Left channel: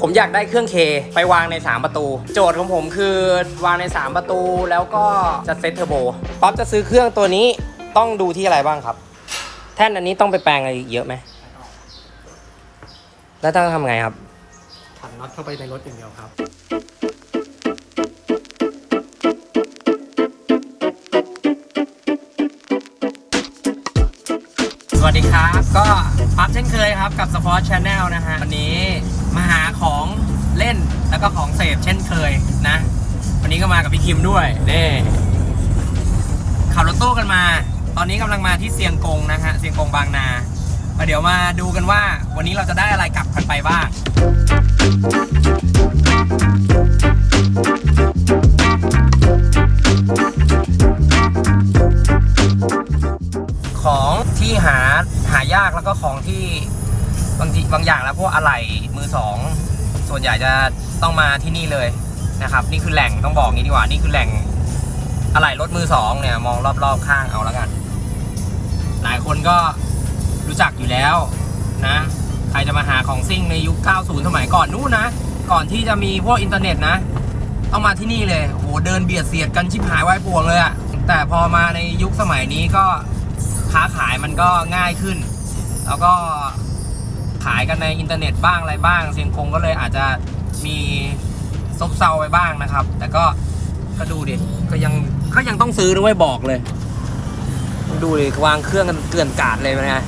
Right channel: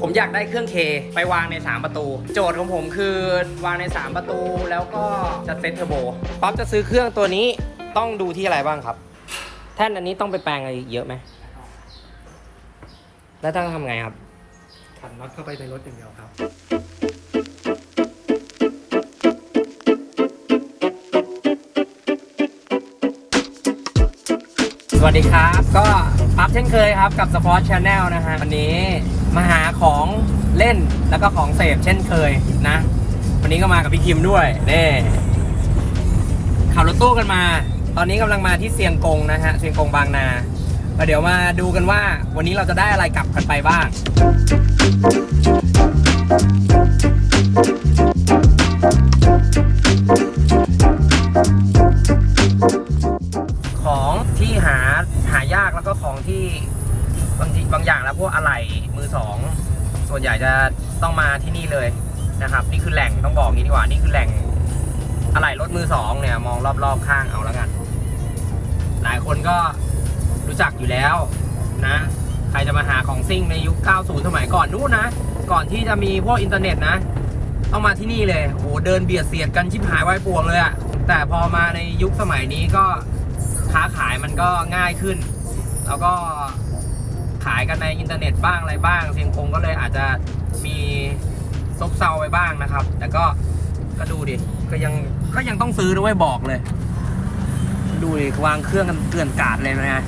ผมอยากได้เครื่องเคไปวางใน 3 ประตู โจทย์ของผมคือวางใน 3 ประตูแล้วก็จะเซตเทอร์โบป๊อปจะซื้อเครื่องตัวนี้ต้องดูที่อะไรบ้างครับ แท่นอันนี้ต้องไปแปลงอะไรเยอะไหมแล้วต้องทำไงครับถันน็อตเข้าไปในรถอย่างเดียวครับ สวัสดีครับ ก็ปั๊บเช่นเคยครับกับสปอร์ตชาแนลนะฮะวันนี้มาหาของเล่นแล้วก็ของเสพเช่นเคยนะ วันนี้ก็มากับพี่คิมด้วยเน่ขับรถตู้กันมา ตอนนี้กำลังมาที่เซียงกงนะฮะเซียงกงบางนาก็เดี๋ยวมาดูกันว่าวันนี้เราจะได้อะไรกลับกันไปบ้าง ก็ของที่บางทีบางอย่างแล้วพวกอะไหล่มือสองส่วนใหญ่จะต้องมาที่นี่เลยนะครับ นี่คือแหล่งต้องบอกงี้ดีกว่านี่คือแหล่งอะไหล่รถมือสองเนี่ยมองรอบๆข้างเอาแล้วกัน หลายคนก็รู้จักอยู่แล้วนะ ใครจะมาหาของซิ่งในยุค 90 สมัยก่อนนู้นนะ ก่อนที่จะมีพวกอินเทอร์เน็ตนะ ต้องมาที่นี่เลยโอ้โหเดินเบียดเสียดกันชิบหายวายป่วงเลยอะแต่พอมาในยุคสมัยนี้ก็ค้าขายมันก็ง่ายขึ้น แล้วก็ขายกันในอินเทอร์เน็ตบ้างอะไรบ้าง เซียงคงก็เลยอาจจะมีซบเซาไปบ้างนะครับ แต่ก็ก็ดูดิ ก็ยังก็ยังต้องซื้อด้วยบอกเลย ดูดิ วางเครื่องกันเกลื่อนกาดเลยนะ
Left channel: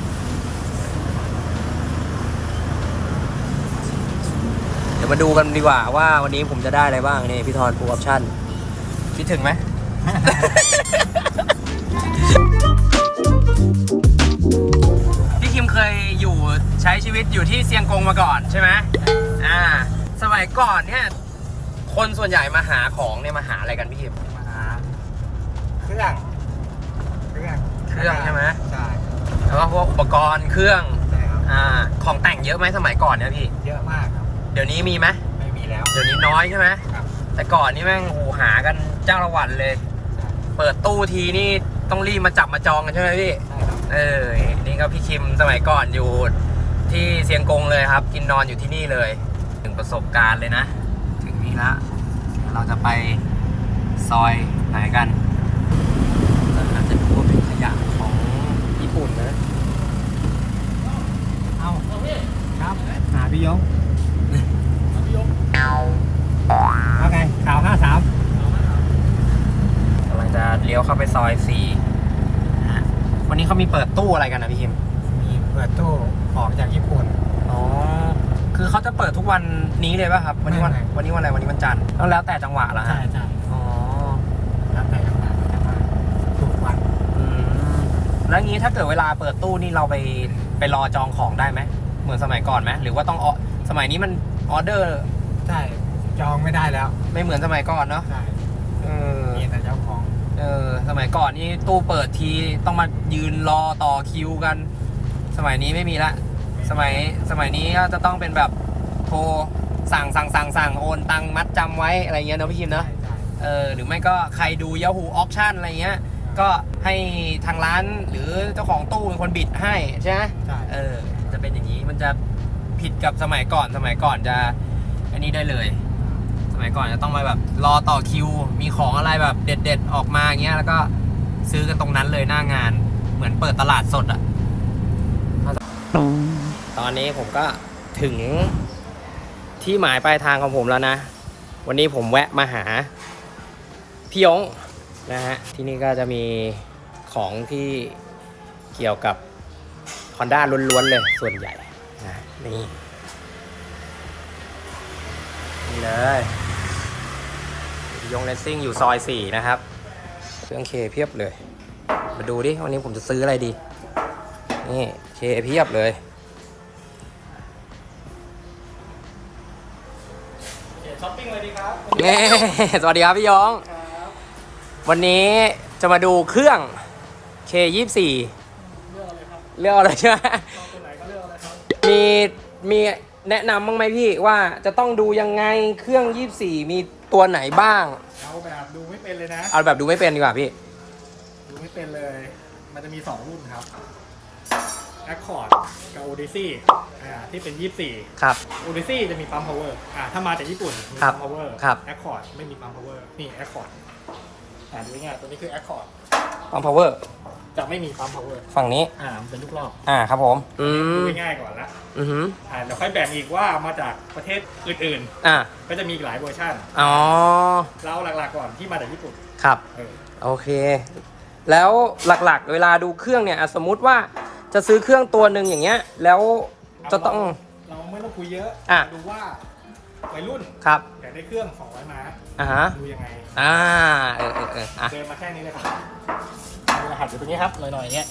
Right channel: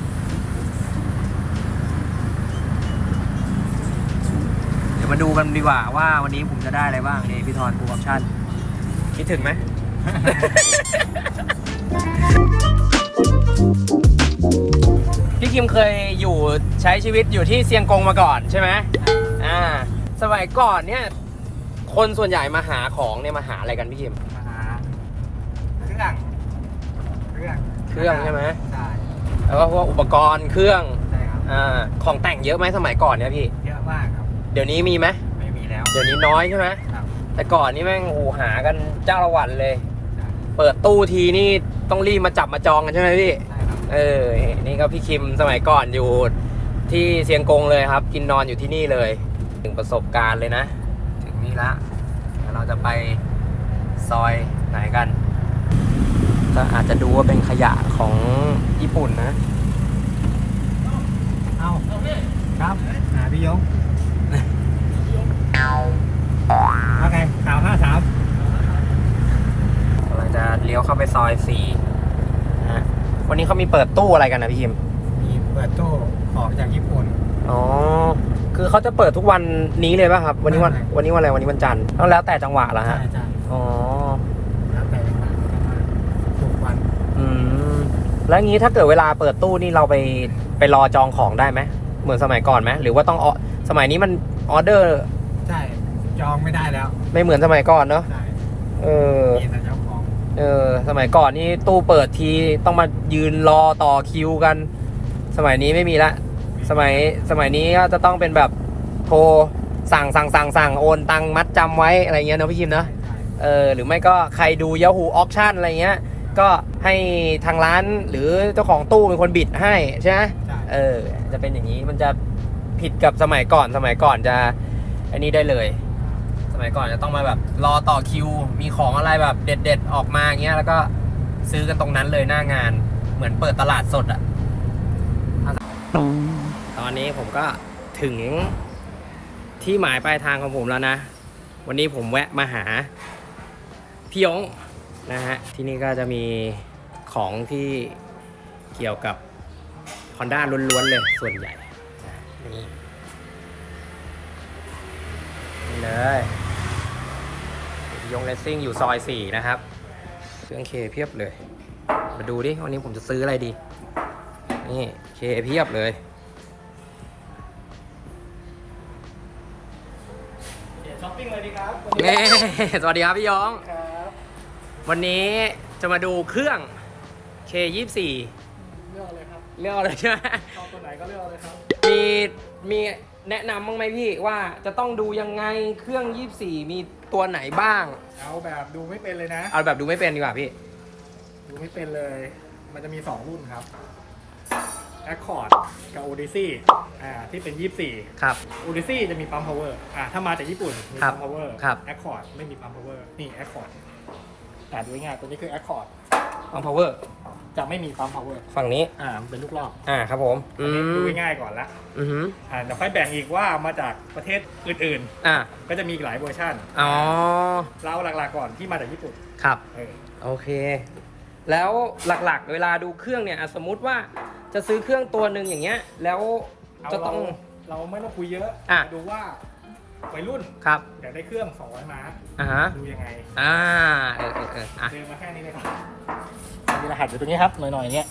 เดี๋ยวมาดูกันดีกว่าว่าวันนี้ผมจะได้อะไรบ้างนี่พี่ทอนฟูออปชั่นคิดถึงไหม เคยอยู่ใช้ชีวิตอยู่ที่เซียงกงมาก่อนใช่ไหมอ่า สมัยก่อนเนี่ย คนส่วนใหญ่มาหาของเนี่ยมาหาอะไรกันพี่คิม มาหาเครื่อง เครื่องเครื่องใช่ไหม ใช่แล้วก็พวกอุปกรณ์เครื่องใช่ครับอ่าของแต่งเยอะไหมสมัยก่อนเนี่ยพี่ เยอะมากครับ เดี๋ยวนี้มีไหมไม่มีแล้ว เดี๋ยวนี้น้อยใช่ไหมครับ แต่ก่อนนี่แม่งโอ้โหหากันเจ้าละวันเลย ใช่ เปิดตู้ทีนี่ต้องรีบมาจับมาจองกันใช่ไหมพี่ใช่ครับ เออ นี่ก็พี่คิมสมัยก่อนอยู่ที่เซียงกงเลยครับ กินนอนอยู่ที่นี่เลย ถึงประสบการณ์เลยนะ ถึงนี่ละเดี๋ยวเราจะไปซอยไหนกันก็อาจจะดูว่าเป็นขยะของญี่ปุ่นนะ เอาครับ หาพี่ยงว่าไงข่าวห้าสามกำลังจะเลี้ยวเข้าไปซอยสี่ นนี้เขามีเปิดตู้อะไรกันนะพี่คิมมีเปิดตู้ของจากญี่ปุ่น อ๋อ คือเขาจะเปิดทุกวันนี้เลยป่ะครับ วันนี้วัน ไม่ไม่ วันนี้วันอะไร วันนี้วันจันทร์ต้องแล้วแต่จังหวะเหรอฮะใช่ใช่อ๋อ แล้วแต่จังหวะจะมาถูกวันอืม แล้วงี้ถ้าเกิดเวลาเปิดตู้นี่เราไปไปรอจองของได้ไหม เหมือนสมัยก่อนไหมหรือว่าต้องออสมัยนี้มันออเดอร์ใช่จองไม่ได้แล้วไม่เหมือนสมัยก่อนเนอะใช่เออ มีแต่เจ้าของเออ สมัยก่อนนี่ตู้เปิดทีต้องมายืนรอต่อคิวกัน สมัยนี้ไม่มีละ สมัยสมัยนี้ก็จะต้องเป็นแบบโทรสั่งสั่งสั่งสั่งโอนตังค์มัดจำไว้อะไรเงี้ยเนอะพี่คิมใช่เนอะใช่เออหรือไม่ก็ใครดู Yahoo Auction อะไรเงี้ย ก็ให้ทางร้านหรือเจ้าของตู้เป็นคนบิดให้ใช่ไหมใช่เออ จะเป็นอย่างนี้มันจะผิดกับสมัยก่อนสมัยก่อนจะอันนี้ได้เลยส มัยก่อนจะต้องมาแบบรอต่อคิว มีของอะไรแบบเด็ด ๆ ออกมาเงี้ยแล้วก็ซื้อกันตรงนั้นเลยหน้างาน เหมือนเปิดตลาดสดอะตอนนี้ผมก็ถึงที่หมายปลายทางของผมแล้วนะ วันนี้ผมแวะมาหาพี่ยงนะฮะ ที่นี่ก็จะมีของที่เกี่ยวกับ Honda ล้วนๆเลยส่วนใหญ่ นี่ นี่เลย ยงเลสซิ่งอยู่ซอย 4 นะครับ เครื่องเคเพียบเลย มาดูดิ วันนี้ผมจะซื้ออะไรดี นี่เคเพียบเลยช้อปปิ้งเลยดีครับสวัสดีครับพี่ยงวันนี้จะมาดูเครื่อง K24 เลือกอะไรครับ เลือกอะไรใช่ไหมชอบตัวไหนก็เลือกเลยครับ มีมี แนะนำบ้างไหมพี่ว่าจะต้องดูยังไงเครื่อง 24 มีตัวไหนบ้าง เอาแบบดูไม่เป็นเลยนะ เอาแบบดูไม่เป็นดีกว่าพี่ ดูไม่เป็นเลย มันจะมี 2 รุ่นครับ Accord กับ Odyssey อ่าที่เป็น 24 ครับ Odyssey จะมีปั๊ม power อ่าถ้ามาจากญี่ปุ่นมีครับปั๊ม power ครับ Accord ไม่มีปั๊ม power นี่ Accord อ่าดูง่ายๆตัวนี้คือ Accord ปั๊ม power จะไม่มีปั๊ม power ฝั่งนี้ อ่ามันเป็นลูกรอบอ่าครับผม อืดูมง่ายๆก่อนละอือหืออ่าเดี๋ยวค่อยแบ่งอีกว่ามาจากประเทศอื่นอ่าๆ ก็จะมีอีกหลายเวอร์ชันอ๋อ เราหลักๆก่อนที่มาจากญี่ปุ่นครับ เออโอเค แล้วหลักๆ เวลาดูเครื่องเนี่ยอะสมมุติว่าจะซื้อเครื่องตัวหนึ่งอย่างเงี้ย แล้วจะต้อง เราเราไม่ต้องคุยเยอะอะ ดูว่าวัยรุ่นครับ อยากได้เครื่อง200ม้าอ่าฮะ ดูยังไงอ่าเออเออเอออะเดินมาแค่นี้เลยครับมีร หัสอยู่ตรงนี้ครับหน่อยๆเนี้ย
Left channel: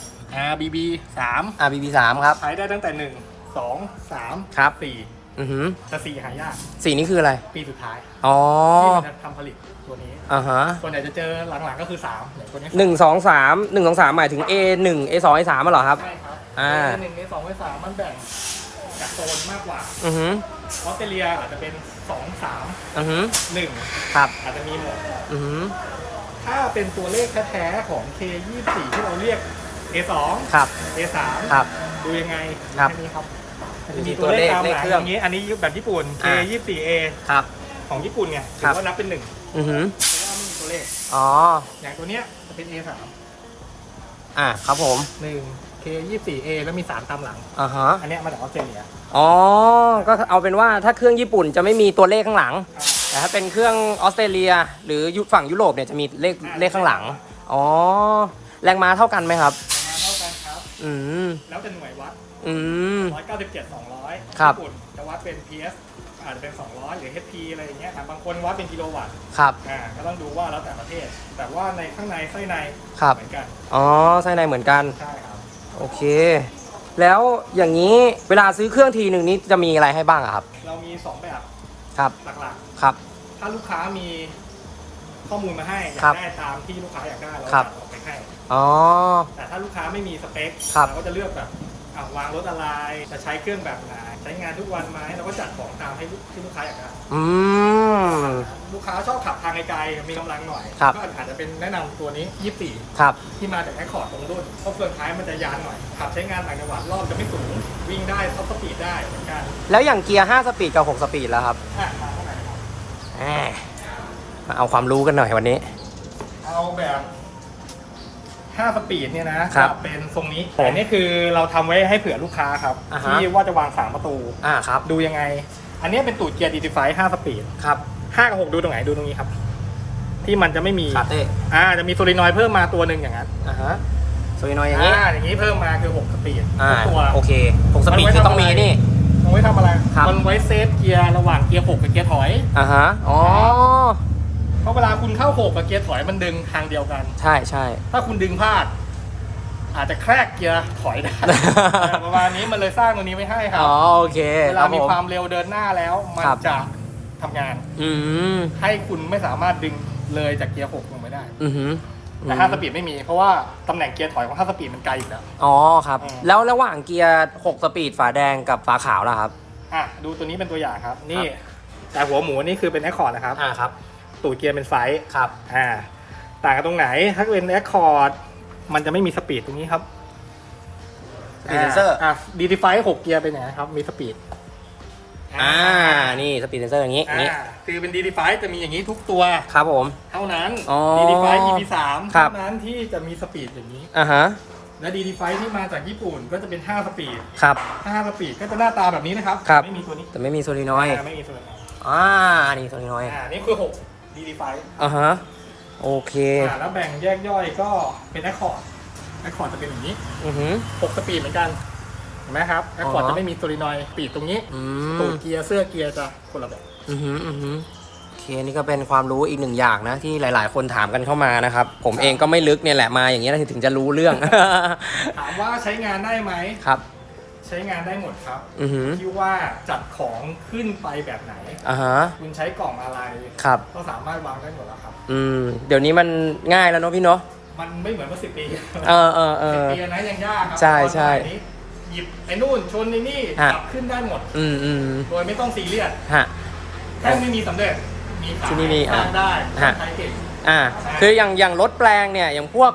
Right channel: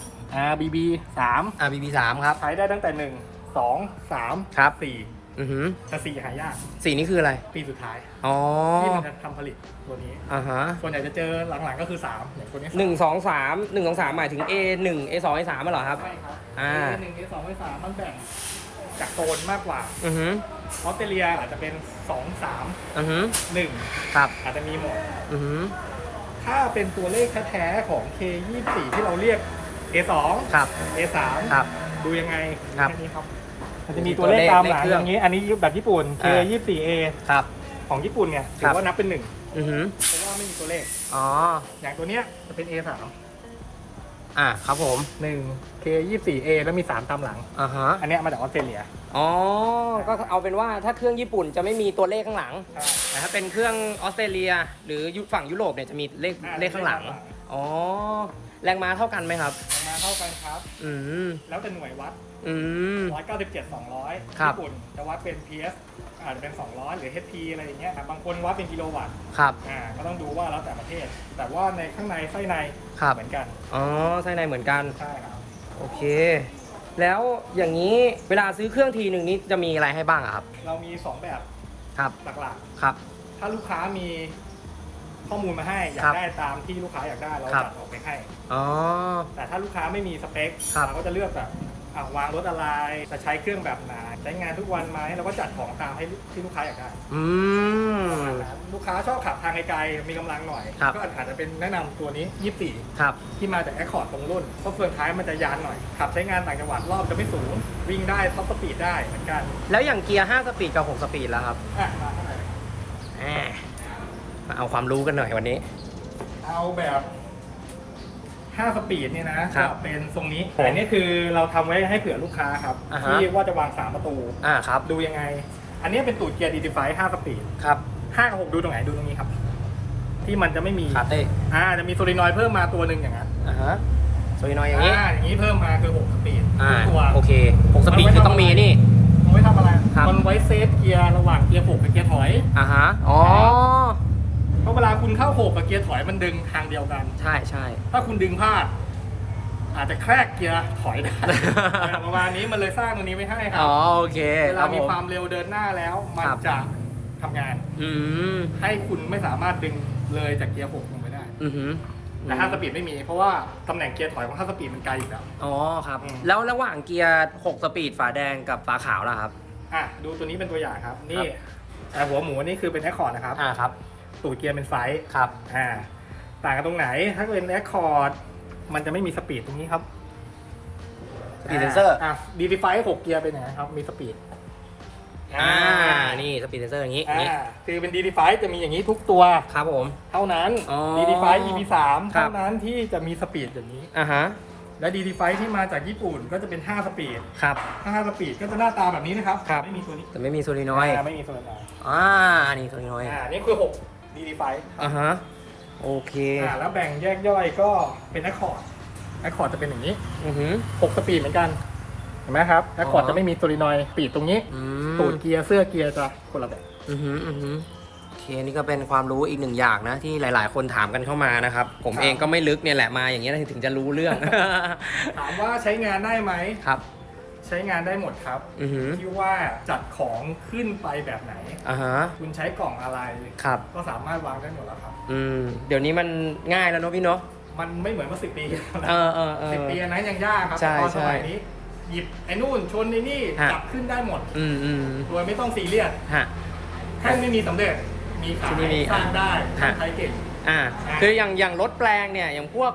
RBB 3อ่า BB สามครับ ใช้ได้ตั้งแต่1 2 3ครับ4อือหือแต่4หายากสีนี้คืออะไร ปีสุดท้าย อ๋อที่มันจะทำผลิตตัวนี้ อ่าฮะส่วนใหญ่จะเจอหลังๆก็คือ3อย่างตัวนี้หนึ่งสองสามหนึ่งสองสามหมายถึง A หนึ่ง A สอง A สามเหรอครับ ใช่ครับอ่าหนึ่งในสองในสามมันแบ่งจากโซนมากกว่าอือหือออสเตรเลียอาจจะเป็น2 3อือหือ1ครับ อาจจะมีหมดอือหือ ถ้าเป็นตัวเลขแท้ๆของ K24 ที่เราเรียก A2 ครับ A3 ครับ ดูยังไงครับ แค่นี้ครับมันจะจะมีมีตัวเลขตามเลหขลังเครื่องอย่างนี้ อันนี้แบบญี่ปุ่น อ่า K24A ครับ ของญี่ปุ่นเนี่ยครัถืบอว่านับเป็นหนึ่งอือหือเพราะว่าไม่มีตัวเลข อ๋อ อย่างตัวเนี้ยจะเป็น A3 อ่าครับผม1 K24A แล้วมี3ตามหลัง อ่าฮะอันเนี้ยมาจากออสเตรเลียอ๋อก็เอาเป็นว่าถ้าเครื่องญี่ปุ่นจะไม่มีตัวเลขข้างหลัง แต่ถ้าเป็นเครื่องออสเตรเลีย หรือยุฝั่งยุโรปเนี่ยจะมีเลขอ่าเลขข้างหลัง อ๋อแรงม้าเท่ากันไหมครับราคาเท่ากันครับ อืมแล้วแต่หน่วยวัดอืม 197 200ครับ ญี่ปุ่นจะวัดเป็น PS อาจจะเป็น 200 หรือ HP อะไรอย่างเงี้ยครับบางคนวัดเป็นกิโลวัตต์ครับ อ่าก็ต้องดูว่าแล้วแต่ประเทศ แต่ว่าในข้างในไส้ในครับ เหมือนกันอ๋อไส้ในเหมือนกัน ใช่ครับ โอเค แล้วอย่างนี้เวลาซื้อเครื่องทีหนึ่งนี้จะมีอะไรให้บ้างอะครับ เรามี 2 แบบครับหลักครับ ๆ ถ้าลูกค้ามีข้อมูลมาให้อยาครักบได้ตามที่ลูกค้าอยากได้เราครับ จัดออกไปให้ อ๋อ แต่ถ้าลูกค้าไม่มีสเปคครับ เราก็จะเลือกแบบ อะวางรถอะไรจะใช้เครื่องแบบไหนใช้งานทุกวันไหมเราก็จัดของตามให้ที่ลูกค้าอยากได้อืม ลูกค้าชอบขับทางไกลๆมีกำลังหน่อย ครับ ก็อาจจะเป็นแนะนำตัวนี้24ครับที่มาจากแอคคอร์ดตรงรุ่นเพราะเฟืองท้ายมันจะยานหน่อย ขับใช้งานต่างจังหวัดรอบจะไม่สูง วิ่งได้ท็อปสปีดได้เหมือนกันแล้วอย่างเกียร์ 5 สปีดกับ 6 สปีดแล้วครับอะมาเท่าไหร่ครับอ่ามาเอาความรู้กันหน่อยวันนี้ เอาแบบ 5 สปีดเนี่ยนะครับจะเป็นทรงนี้ผมแต่นี่คือเราทำไว้ให้เผื่อลูกค้าครับ อ่าฮะ ที่ว่าจะวางสามประตู อ่าครับดูยังไง อันนี้เป็นตูดเกียร์ดีดีไฟ5สปีดครับ5กับ6ดูตรงไหนดูตรงนี้ครับ ที่มันจะไม่มีคาเต้อ่าจะมีโซลินอยด์เพิ่มมาตัวหนึ่งอย่างนั้นอ่าฮะสวยหน่อยอย่างนี้ อ่าอย่างนี้เพิ่มมาคือ6สปีดอ่าตัว โอเค6สปีดคือต้องมีนี่ มันไว้ทำอะไรครับ มันไว้เซฟเกียร์ระหว่างเกียร์6กับเกียร์ถอย อ่าฮะอ๋อ เพราะเวลา คุณเข้า6กับเกียร์ถอยมันดึงทางเดียวกัน ใช่ใช่ ถ้าคุณดึงพลาด อาจจะแครกเกียร์ถอยได้ ประมาณนี้มันเลยสร้างตัวนี้ไว้ให้ครัอ๋อโอเคเวคลารับมีผม ความเร็วเดินหน้าแล้ว มันครับ จะทำงาน อืมให้คุณไม่สามารถดึงเลยจากเกียร์6ลงไปได้ อือหือแต่5สปีดไม่มี เพราะว่าตำแหน่งเกียร์ถอยของ5สปีดมันไกลอยู่แล้ว อ๋อครับ อืม แล้วระหว่างเกียร์ 6 สปีดฝาแดงกับฝาขาวล่ะครับ อะดูตัวนี้เป็นตัวอย่างครับ นี่แต่หัวหมูนี่คือเป็นแอคคอร์ดนะครับ อ่าครับ ตูดเกียร์เป็นไฟท์ครับ อ่า ต่างกันตรงไหน ถ้าเป็นแอคคอร์ดมันจะไม่มีสปีดตรงนี้ครับ สปีดเซนเซอร์ อะดีดีไฟหกเกียร์เป็นยังไงครับ มีสปีด อ่า นี่สปีดเซนเซอร์อย่างนี้อย่างนี้ อ่า คือเป็นดีดีไฟจะมีอย่างนี้ทุกตัว ครับผม เท่านั้นอ๋อดีดีไฟ EP สามครัเท่าบนั้นที่จะมีสปีดอย่างนี้ อ่าฮะ และดีดีไฟที่มาจากญี่ปุ่นก็จะเป็น5สปีดครับ5สปีดก็จะหน้าตาแบบนี้นะครับ ครับ ไม่มีตัวนี้แต่ไม่มีโซลินอยด์อ่าไม่มีตัวนี้อ่า นี่โซลินอยด์อ่านี่คือ6 ดีดีไฟอ่าฮะ โอเค อ่าแล้วแบ่งแยกย่อยก็เป็นแอคคอร์ดแอคคอร์ดจะเป็นอย่างนี้อือหือ6สปีดเหมือนกัน เห็นไหมครับแอคคอร์ดอ๋อ จะไม่มีโซลินอยด์ปีดตรงนี้อืตูมดเกียร์เสื้อเกียร์จะคนละแบบอือหืออือหือโอเคนี่ก็เป็นความรู้อีกหนึ่งอย่างนะ ที่หลาย ๆ คนถามกันเข้ามานะครับ ผมเองก็ไม่ลึกเนี่ยแหละมาอย่างนี้ยนะถึงจะรู้เรื่อง ถามว่าใช้งานได้ไหม ครับ ใช้งานได้หมดครับอือหือที่ว่าจัดของขึ้นไปแบบไหน อ่าฮะ คุณใช้กล่องอะไรครับ ก็สามารถวางได้หมดแล้วครับ อืม เดี๋ยวนี้มันง่ายแล้วเนอะพี่เนาะ มันไม่เหมือนเมื่อสิบปีเออเออเอสิบอ ปีอันนั้นยังยากครัใช่ตอนสใช่มัยนี้หยิบไอ้นู่นชนไอ้นี่ฮะ จับขึ้นได้หมด อืมอืมโดยไม่ต้องซีเรียสฮะ แค่ไม่มีสำเร็จมีขายที่นี่มีสร้างได้ฮะ ใช้เก่ง อ่า คืออย่างอย่างรถแปลงเนี่ย อย่างพวก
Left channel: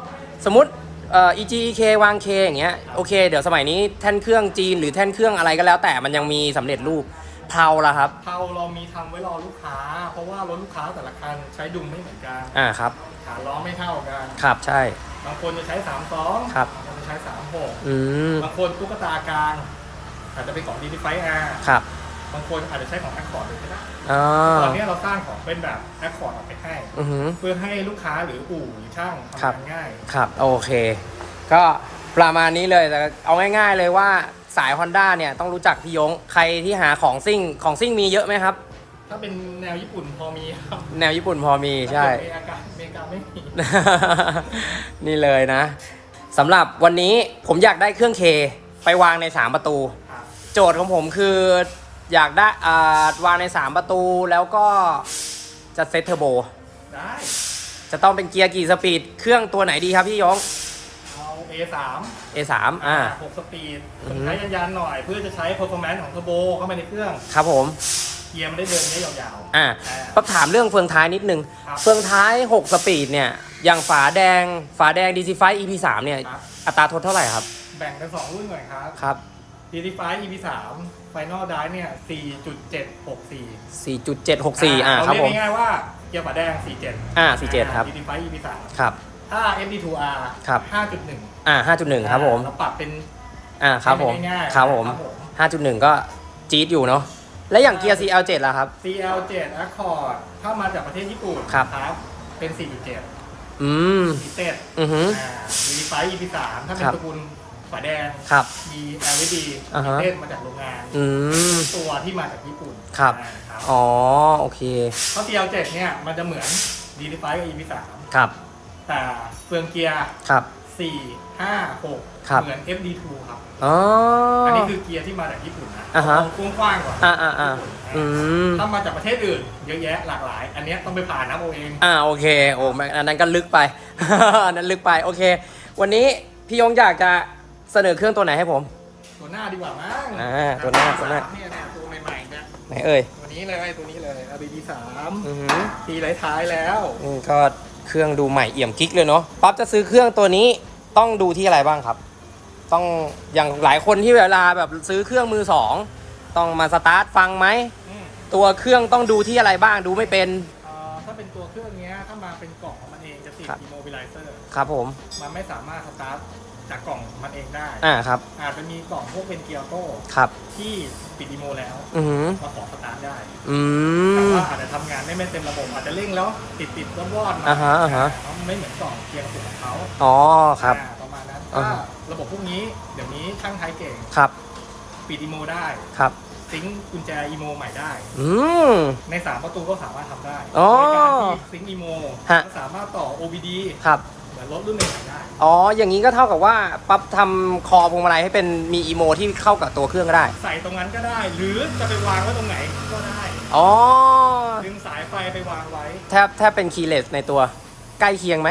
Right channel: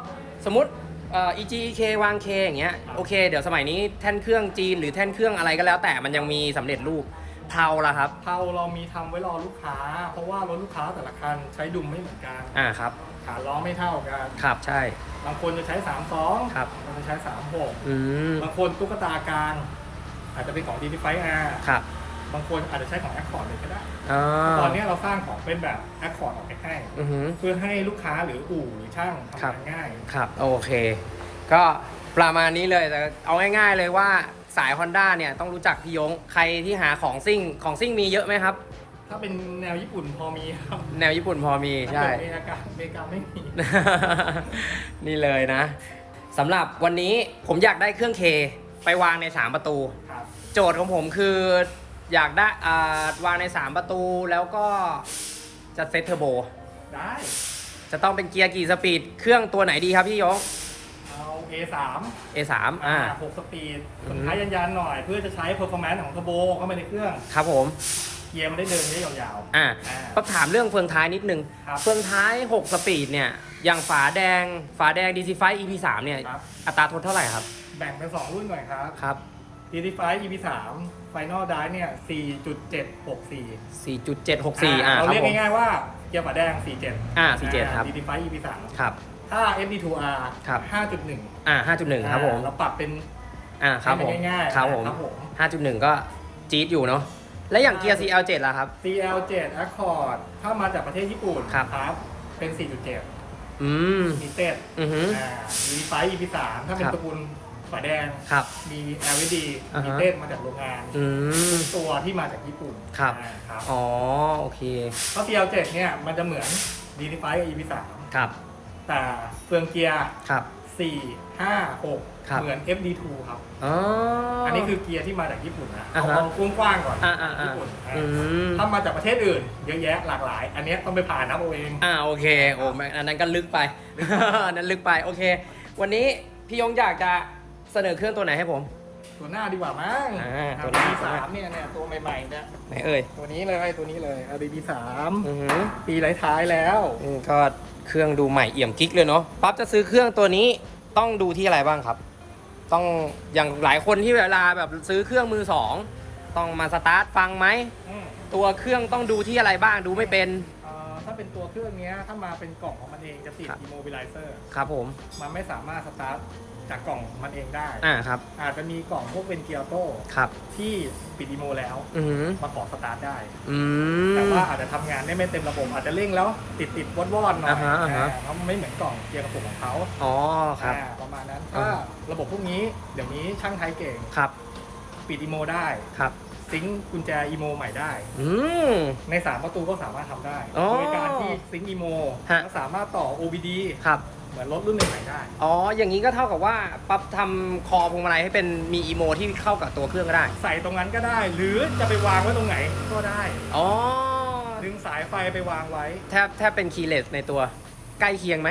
สมมติ เอ่อ EG EK วาง K อย่างเงี้ยโอเค เดี๋ยวสมัยนี้แท่นเครื่องจีนหรือแท่นเครื่องอะไรก็แล้ว แต่มันยังมีสำเร็จรูปเพาละครับเพาเรามีทำไว้รอลูกค้า เพราะว่ารถลูกค้าแต่ละคันใช้ดุมไม่เหมือนกันอ่าครับขาล้อไม่เท่ากัน ครับใช่ บางคนจะใช้3 2ครับ บางคนจะใช้3 6อืมบางคนตุ๊กตากลางอาจจะเป็นของ d d f i R ครับ บางคนอาจจะใช้ของ Accord เลยก็ได้ อ่าตอนนี้เราสร้างของเป็นแบบ Accord ออกไปให้ อือหือ เพื่อให้ลูกค้าหรืออู่หรือช่างครัทำบงานง่าย ครับ โอเค ก็ประมาณนี้เลยแต่เอาง่าย ๆเลยว่าสาย Honda เนี่ยต้องรู้จักพี่ยง ใครที่หาของซิ่งของซิ่งมีเยอะไหมครับ ถ้าเป็นแนวญี่ปุ่นพอมีครับแนวญี่ปุ่นพอมีใช่ถ้าเกิดอเมริกาอเมริกาไม่มี นี่เลยนะสำหรับวันนี้ผมอยากได้เครื่องเคไปวางใน 3 ประตู ครับ โจทย์ของผมคือ อยากได้อ่าวางใน 3 ประตูแล้วก็จะเซตเทอร์โบ ได้จะต้องเป็นเกียร์กี่สปีด เครื่องตัวไหนดีครับพี่ยง เอา A3 A3 อ่า 6สปีดอือฮึ ใช้ยันๆหน่อยเพื่อจะใช้ performance ของเทอร์โบเข้าไปในเครื่อง ครับผมเกียร์มันได้เดินได้ยาวอ่าอ่าต้องถามเรื่องเฟืองท้ายนิดนึง ครับเฟืองท้าย 6 สปีดเนี่ย อย่างฝาแดง ฝาแดง DC5 EP3 เนี่ย ครับ อัตราทดเท่าไหร่ครับๆแบ่งเป็น 2 รุ่นก่อนครับ ครับ DD5 EP3 Final Drive เนี่ย 4.764 4.764 อ่าเราครับเรียกผม ง่ายๆว่าเกียร์ฝาแดง 47อ่า47ครับ DD5 EP3 ครับ ถ้า FD2R ครับ 5.1 อ่า5.1 ครับผม เราปรับเป็น อ่าครับผมให้นง่ายๆครับผม ครับผม 5.1 ก็จี๊ดอยู่เนาะ แล้วอย่างเกียร์ CL7 ล่ะครับ CL7 Accord ถ้ามาจากประเทศญี่ปุ่นครับ เป็น 4.7อืม มีเต็ดอือหือ อ่า DD5 EP3 ถ้าเป็นครับ ตระกูล ฝาแดง ครับ มี LED อ่ามีฮะ เต็ดมาจากโรงงาน อืม ตัวที่มาจากญี่ปุ่นครับ อ่าครับอ๋อ โอเค เพราะ CL7 เนี่ยมันจะเหมือน DD5 กับ EP3 ครับ แต่เฟืองเกียร์ ครับ 4 5 6ครับเหมือน FD2 ครับ อ๋ออั อันนี้คือเกียร์ที่มาจากญี่ปุ่นนะอ่าฮะ เอากว้างๆก่อนอ่าอ่าอ่าญี่ปุ่นอ่าอืม ถ้ามาจากประเทศอื่น เยอะแยะหลากหลาย อันเนี้ยต้องไปผ่านนะโอเอง อ่าโอเคโอ้ไม่อันนั้นก็ลึกไป อันนั้นลึกไปโอเค วันนี้พี่ยงอยากจะ เสนอเครื่องตัวไหนให้ผม ตัวหน้าดีกว่ามั้งอ่าตัวหน้าตัวหน้าสามเนี่ยเนี่ยตัวใหม่ๆเนี่ยไหนเอ่ยตัวนี้เลยตัวนี้เลย LDD สามอือหือปีท้ายๆแล้วอืมก็เครื่องดูใหม่เอี่ยมกิ๊กเลยเนาะปั๊บจะซื้อเครื่องตัวนี้ต้องดูที่อะไรบ้างครับ ต้องอย่างหลายคนที่เวลาแบบซื้อเครื่องมือสองต้องมาสตาร์ทฟังไหม อืมตัวเครื่องต้องดูที่อะไรบ้างดูไม่เป็น เอ่อถ้าเป็นตัวเครื่องเนี้ยถ้ามาเป็นกล่องของมันเองจะติด ครับ immobilizer ครับผม มันไม่สามารถสตาร์ท จากกล่องมันเองได้ อ่าครับ อาจจะมีกล่องพวกเป็นเกียร์โต้ครับ ที่ปิดอีโมแล้วอือหือมาขอสตาร์ทได้ อืมแต่ว่าอาจจะทำงานได้ไม่เต็มระบบอาจจะเร่งแล้วติดติดวอดวอดๆหน่อยอ่าฮะอ่าฮะ เพราะมันไม่เหมือนกล่องเกียร์กระปุกของเขาอ๋อครับ อ่าประมาณนั้นอ่า ถ้าฮะระบบพวกนี้เดี๋ยวนี้ช่างไทยเก่งครับปิดอีโมได้ครับ ซิงค์กุญแจอีโมใหม่ได้ อืม ใน 3 ประตูก็สามารถทำได้อ๋อโดยการที่ซิงค์อีโมฮะ และสามารถต่อ OBD ครับ เหมือนรถรุ่นใหม่ๆได้ อ๋อ อย่างนี้ก็เท่ากับว่าปั๊บทำคอพวงมาลัยให้เป็นมีอีโมที่เข้ากับตัวเครื่องก็ได้ ใส่ตรงนั้นก็ได้ หรือจะไปวางไว้ตรงไหนก็ได้ อ๋อ ดึงสายไฟไปวางไว้ แทบแทบเป็นคีย์เลสในตัว ใกล้เคียงไหม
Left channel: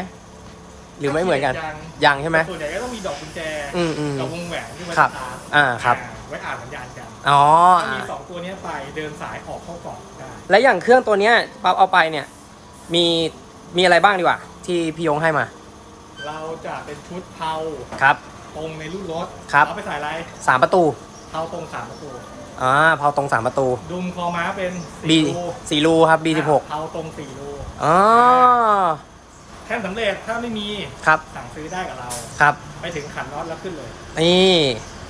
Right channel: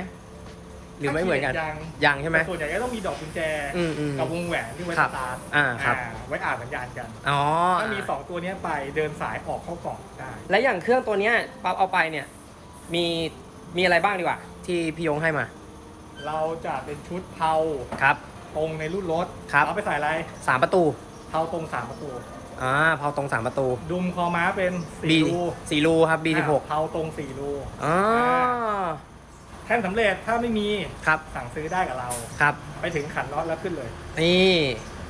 หรือไม่เหมือนกัน ยังยังใช่ไหมแต่ส่วนใหญ่ก็ต้องมีดอกกุญแจ อืมอืมกับวงแหวนที่ไว้คสรับตาร์ทอ่าครับอ่าไว้อ่านสัญญาณกัน อ๋อ ถ้ามี2ตัวเนี้ยไปเดินสายออกเข้ากล่องได้ และอย่างเครื่องตัวเนี้ยปั๊บเอาไปเนี่ย มีมีอะไรบ้างดีกว่า ที่พี่ยงให้มา เราจะเป็นชุดเผาครับ ตรงในรุ่นรถครับเอาไปใส่อะไรสามประตูเผาตรงสามประตู อ่าเผาตรงสามประตู ดุมคอม้าเป็น B สี่รูสี่รูครับ B16 อ่าเผาตรงสี่รูอ๋อแท่นสำเร็จถ้าไม่มีครับสั่งซื้อได้กับเรา ครับ ไปถึงขันน็อตแล้วขึ้นเลยนี่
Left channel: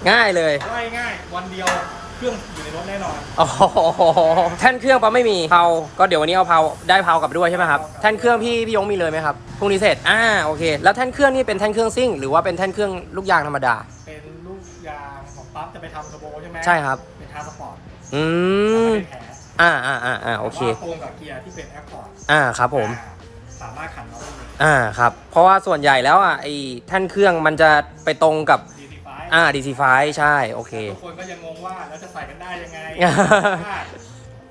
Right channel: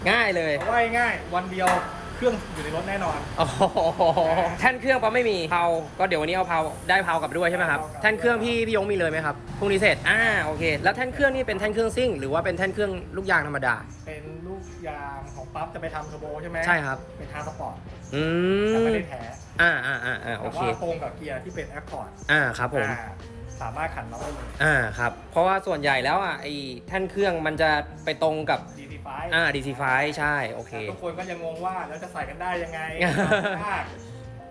ง่ายเลยง่ายง่ายๆวันเดียวเค รื่องอยู่ในรถแน่นอนโอ้โหแท่นเครื่องปั๊บไม่มีเผาก็เดี๋ยววันนี้เอาเผาได้เผากลับด้วยใช่ไหมครับเอากลับแท่นเครื่องพี่พี่ยงมีเลยไหมครับพรุ่งนี้เสร็จอ่าโอเค แล้วแท่นเครื่องนี่เป็นแท่นเครื่องซิ่งหรือว่าเป็นแท่นเครื่องลูกยางธรรมดา เป็นลูกยางของปั๊บจะไปทำเทอร์โบใช่ไหมใช่ครับเป็นฮาร์สปอร์ตอืแต่มไม่ได้แท้อ่าอ่าอ่าอ่าโอเค แต่ว่าตรงกับเกียร์ที่เป็นแอคคอร์ดอ่าครับผมสามารถขันน็อตได้เลยอ่าครับ เพราะว่าส่วนใหญ่แล้วอะไอ้แท่นเครื่องมันจะไปตรงกับ ดี ดีไฟอ่า DC5 ใช่ โอเค ทุกคนก็ยังงงว่าแล้วจะใส่กันได้ยังไงอ่า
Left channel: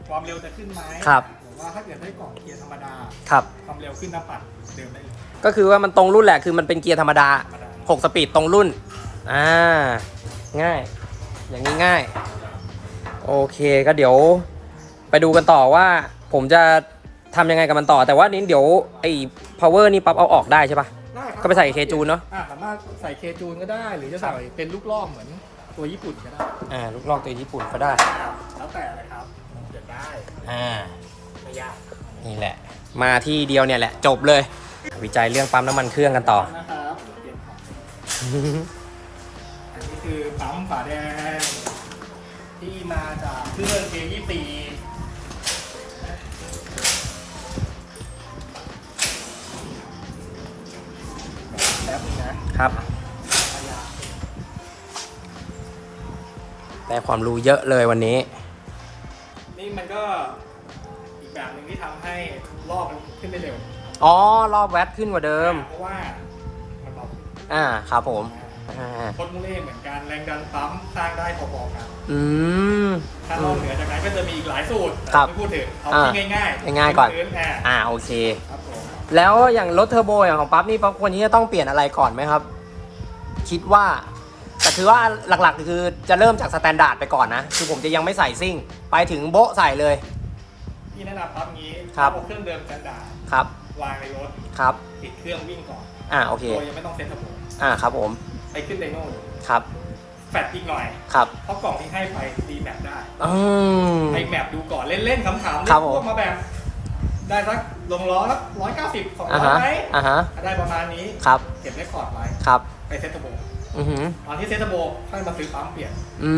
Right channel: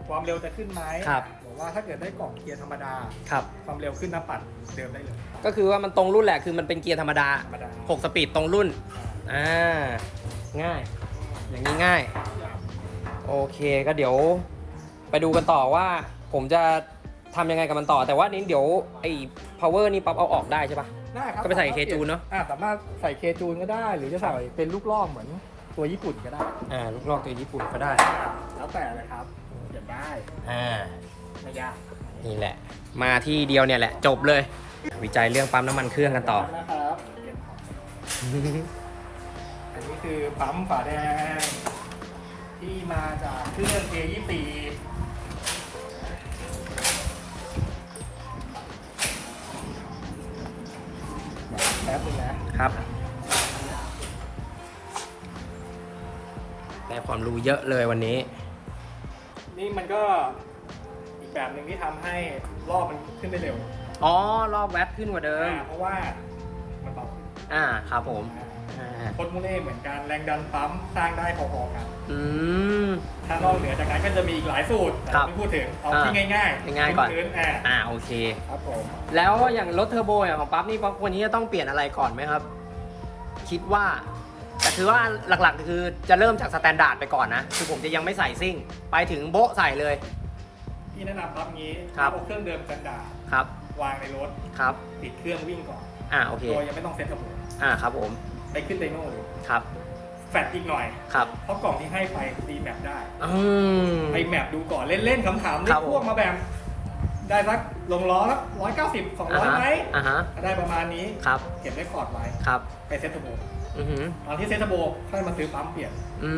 ความเร็วจะขึ้นไหมครับหรือว่าถ้าเกิดได้กล่องเกียร์ธรรมดา ครับ ความเร็วขึ้นหน้าปัดเดิมได้เลย ก็คือว่ามันตรงรุ่นแหละคือมันเป็นเกียร์ธรรมดา ธรรมดา 6 สปีดตรงรุ่น อ่า ง่าย อย่างนี้ง่าย โอเคก็เดี๋ยวไปดูกันต่อว่า ผมจะทำยังไงกับมันต่อ แต่ว่านี้เดี๋ยวไอ้ power นี่ปั๊บเอาออกได้ใช่ปะได้ครับ ก็ไปใส่เคจูนเนาะอ่าสามารถใส่เคจูนก็ได้ หรือจะใส่เป็นลูกล่อเหมือนตัวญี่ปุ่นก็ได้ อ่าลูกลอกตัวญี่ปุ่นก็ได้ แล้วแต่เลยครับเปลี่ยนได้อ่า ไม่ยากนี่แหละ มาที่เดียวเนี่ยแหละ จบเลย วิจัยเรื่องปั๊มน้ำมันเครื่องกันต่อ นะครับเปลี่ยนครับอันนี้คือปั๊มฝาแดงที่มาจากเครื่อง A24 แป๊บนึงนะครับ ได้ความรู้เยอะเลยวันนี้ นี่มันก็อีกแบบหนึ่งที่ทำให้รอบมันขึ้นได้เร็วอ๋อ รอบแวตขึ้นกว่าเดิม อ่าเพราะว่ามันเบาขึ้นอ่า ครับผม อ่า พดมูเล่เหมือนกันแรงดันปั๊มสร้างได้พอๆกันอืม ถ้านอกเหนือจากนั้นก็จะมีอีกหลายสูตรแต่ครับไม่พูดถึงเอาอ่าที่ง่ายๆง่ายๆก่อน พื้นๆอ่าอ่าโอเค ครับผมแล้วอย่างรถเทอร์โบอย่างของปั๊บนี่ปั๊บควรที่จะต้องเปลี่ยนอะไรก่อนไหมครับ คิดว่าแต่คือว่าหลักๆคือจะเริ่มจากสแตนดาร์ดไปก่อนนะ คือผมจะยังไม่ใส่ซิ่ง ไปถึงโบ๊ะใส่เลย ที่แนะนำปั๊มงี้ครับ เอาเครื่องเดิมกันดาร์ดครับวางในรถครับ ติดเครื่องวิ่งก่อนอ่าโอเคโดยยังไม่ต้องเซ็ตระบบอ่าครับผม ไปขึ้นไดโน่ดูครับ แฟดอีกหน่อย ครับเพราะกล่องที่ให้ไปดีแมปได้ อืม ไปแมปดูก่อนเล่นๆขำๆครัเล่บนผมพวกมาแบบ ได้สักลงล้อสักร้อยเก้าสิบสองอ่าร้อยฮะไหมอ่าฮะ ถ้าได้ประมาณนี้ ครับ เก็บเรคคอร์ดไว้ ครับ ไปเซ็ตเทอร์โบ อือหือตอนที่เซ็ตเทอร์โบค่อยมาซื้อปั๊มเปลี่ยน อื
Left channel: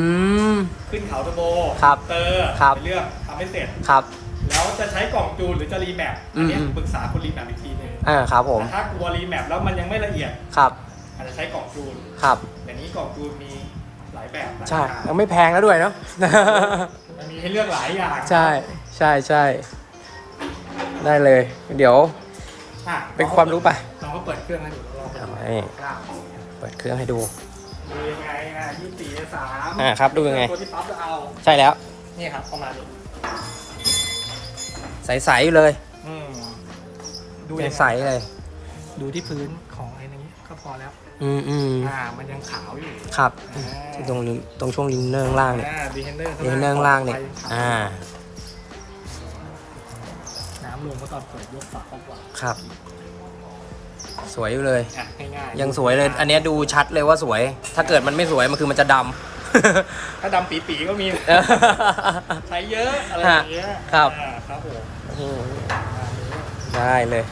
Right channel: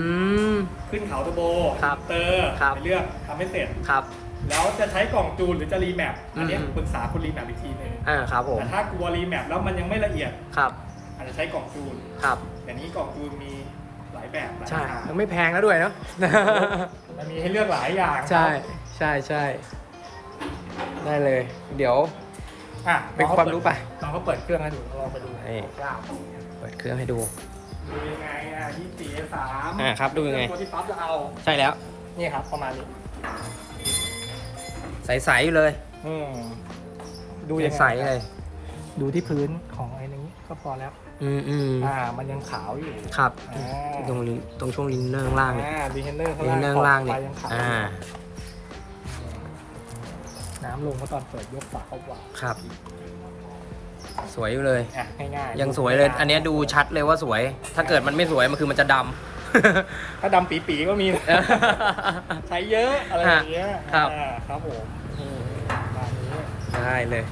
ม ขึ้นเขาเทอร์โบครับเตอร์ครับ ไปเลือกทำให้เสร็จ ครับ แล้วจะใช้กล่องจูนหรือจะรีแมปอันเนี้ยอืม ปรึกษาคุณรีแมปอีกทีหนึงอ่า ครับผม แต่ถ้ากลัวรีแมปแล้วมันยังไม่ละเอียด ครับอา จจะใช้กล่องจูนครับเดี๋ยวนี้กล่องจูนมีหลายแบบหลายใช่ราคายังไม่แพงแล้วด้วยเนาะ มันมีให้เลือกหลายอย่างใช่ใช่ใช่ได้เลย เดี๋ยวอะเป็นความรู้ไปลองก็เปิดเครื่องกันอยู่ลองเปิดนี่เก้าเปิดเครื่องให้ดูดู ยังไงอะยี่สี่สามอ่าครับดูยังไง ตัวที่ปั๊บจะเอา ใช่แล้ว นี่ครับประมาณนี้ใสๆอยู่เลยอืมดูยัยังงใสไงเลย ดูที่พื้นของไอ้นี้ก็พอแล้ว อืมอืมอ่ามันยังขาวอยู่ครับอ่าที่ตรงลิ้นตรงช่วงลิ้นเนื้องล่างเนี่ยอ่าดีเทนเนอร์ลิ้นเนื้องล่างเนี่ยอ่า น้ำลงก็ตอนเปิดยกฝาเข้าว่าครับ สวยอยู่เลย อะง่ายๆยังสวยเลย อันเนี้ยดูชัดเลยว่าสวย ถ้าเกิดมันไม่สวยมันคือมันจะดำ ถ้าดำปีๆก็มีใช้เยอะอะไรอย่างเงี้ยครับ อ่าครับผมอืมได้เลย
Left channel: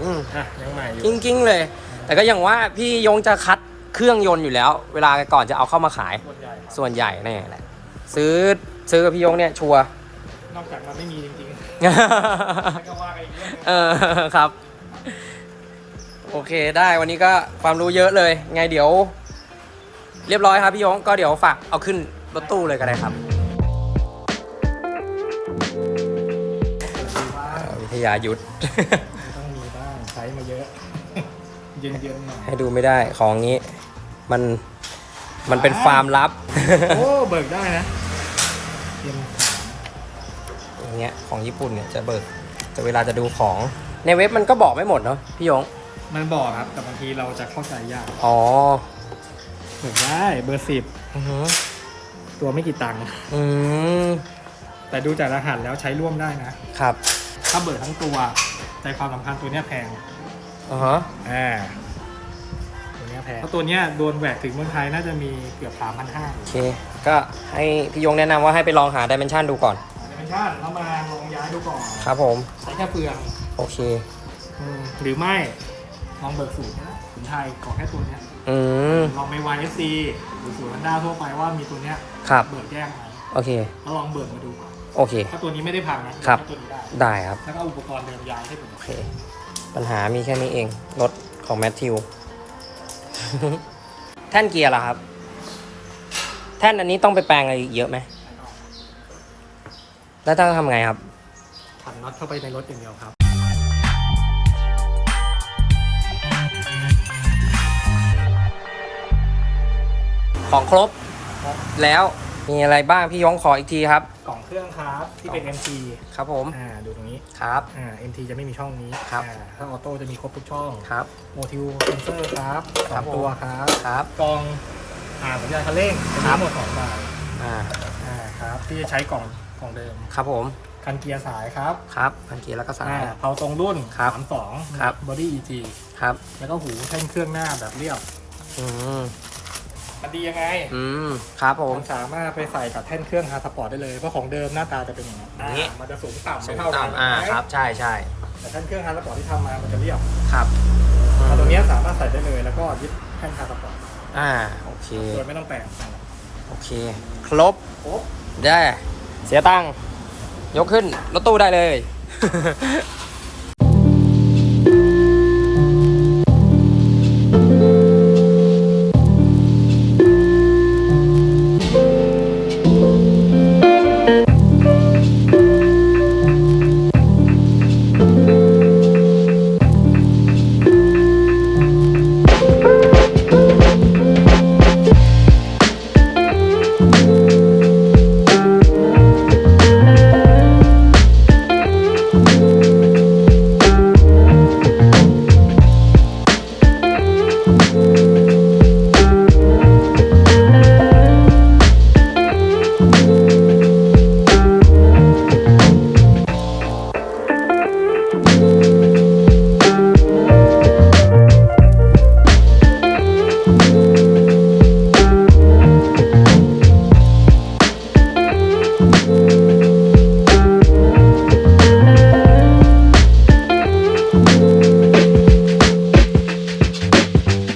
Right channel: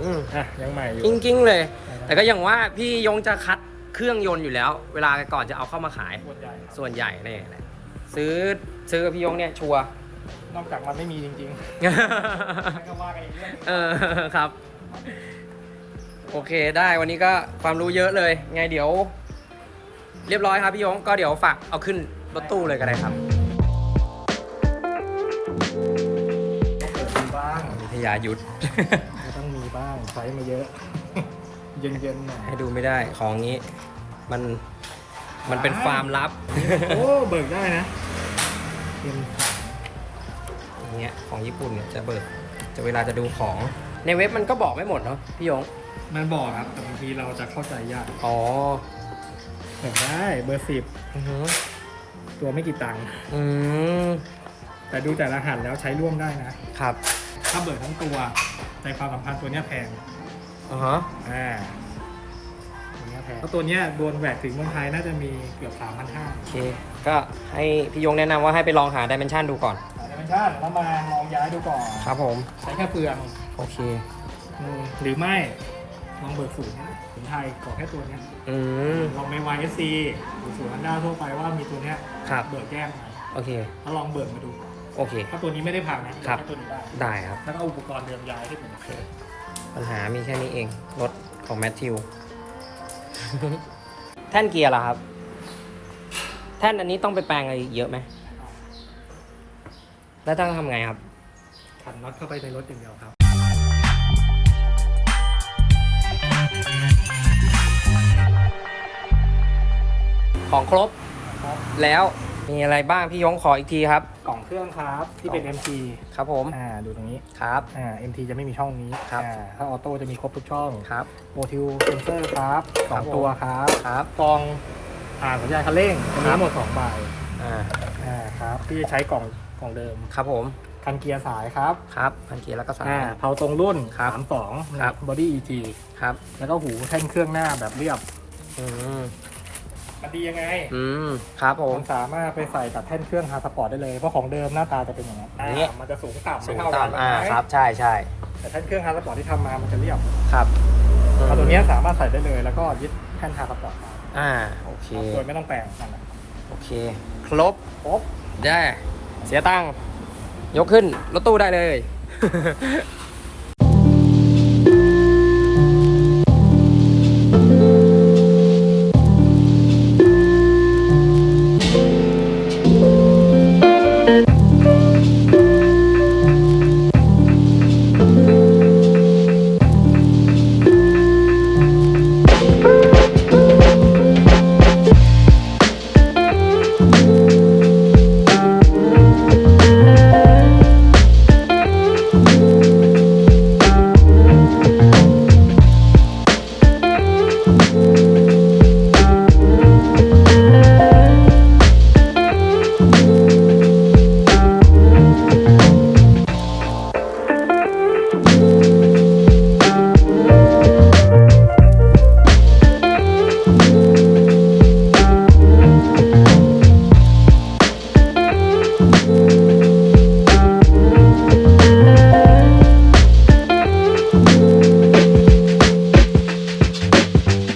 อืมอะยังใหม่อยู่จริงๆเลย แต่ก็อย่างว่าพี่ยงจะคัดเครื่องยนต์อยู่แล้ว เวลาก่อนจะเอาเข้ามาขาย ส่วนใหญ่ครับส่วนใหญ่เนี่ยแหละซื้อซื้อกับพี่ยงเนี่ยชัวร์ นอกจากมันไม่มีจริงๆมันก็ว่ากันอีกเรื่องหนึงเออครับ โอเคได้วันนี้ก็ความรู้เยอะเลย ไงเดี๋ยว เรียบร้อยครับพี่ยงก็เดี๋ยวฝากเอาขึ้นรถตู้เลยก็ได้ครับบ้างวิทยายุทธก็ ต้องมีบ้างใช้มาเยอะ เย็นๆหน่อยให้ดูไม่ได้ของนี้ มันมันเป็นฟาร์มลับ โอ้ เบิกได้นะเย็นอย่างเงี้ยของญี่ปุ่นเนี่ยจะเบิกจะเวลาจะดูของในเว็บมันก็บอกไม่หมดเนาะพี่ยงมันบอกครับ แต่บางทีเราจะเข้าใจยากอ๋อเบิกได้เบอร์สิบอือหือตัวไม่กี่ตังค์อืมแต่ดูจากรหัสแล้วใช้ร่วมได้นะ ครับ ถ้าเบิกทั้งตัว ใจความสำคัญตัวเนี้ยแพงอ๋อฮะอ่าตัวเนี้ยแพงเพราะตัวเนี้ยโดนแหวกถึงเมืองไทยน่าจะมีเกือบสามพันห้าโอเค ก็ให้พี่ยงแนะนำว่าให้ไปลองหาดิเมนชันดูก่อนดิเมนชั่นแล้วมาลองย้ายดูก่อน ครับผม ใช้แค่เฟืองโอเค อืมหรือไม่ลองเบิกศูนย์ศูนย์ไทยขอแค่ตัวเนี้ยอืม ลองใน YSC หรือศูนย์ฮันด้าทั่วไปว่ามีตัวเนี้ยครับ เบิกแยกไหมโอเค แล้วลองเบิกมาดูก่อน โอเค ถ้าตัวนี้ไม่ได้พังนะครับใช้ตัวนี้ได้ได้ครับ แล้วก็เอาอุปกรณ์เดิมย้ายให้เป็นโอเค ปัญหามีแค่นี้เอง รถของแมทธิว แท่นเกียร์ล่ะครับ แท่นอันนี้ต้องไปแปลงอะไรอีกเยอะไหม แล้วต้องทำไงครับ ขันน็อตเข้าไปในรถอย่างเดียวครับ ของครบ แล้วมีอะไรบ้างพี่ยงขออีกทีครับ กล่อง เครื่องครับที่เป็น MT ครับผม อ่าดูตรงนี้ครับ อ่า MT จะไม่มีช่องนี้ครับอ่าถ้าออโต้จะมีครบทุกช่องครับ โมทิวเซนเซอร์ครับสครัอบงผม ตัวครับครับ กล่องอ่าสัญญาณคันเร่งจะมีครับ ทั้งหมดสองใบอ่าอ่าครับที่จะใช้กล่องกล่องเดิมครับผมคคันเกียร์สายครับครับพันเกียร์แล้วก็สาย อ่าเผาตรงรุ่นครับสามสองครับ บอดี้ EG ครับแล้วก็หูแท่นเครื่องหน้าแบบเรียบอืม มันดียังไง อืม ครับผม มันสามารถไปใส่กับแท่นเครื่องฮาร์สปอร์ตได้เลย เพราะของเดิมหน้าตาจะเป็นอย่างนั้นนี่อ่ามันจะสูงต่ำสูไม่งเท่ากันต่ำอ่าไหมครับใช่ใช่แต่แท่นเครื่องฮาร์สปอร์ตที่ทำมา มันจะเรียบครับเอาตัวเนี้ยสามารถใส่ได้เลย แล้วก็ยึดแท่นฮาร์สปอร์ตมาอ่า โอเค โดยไม่ต้องแปลงนั่นแหละโอเค ครบ ครบ ได้ เสียตังค์ยกขึ้น รถตู้ได้เลย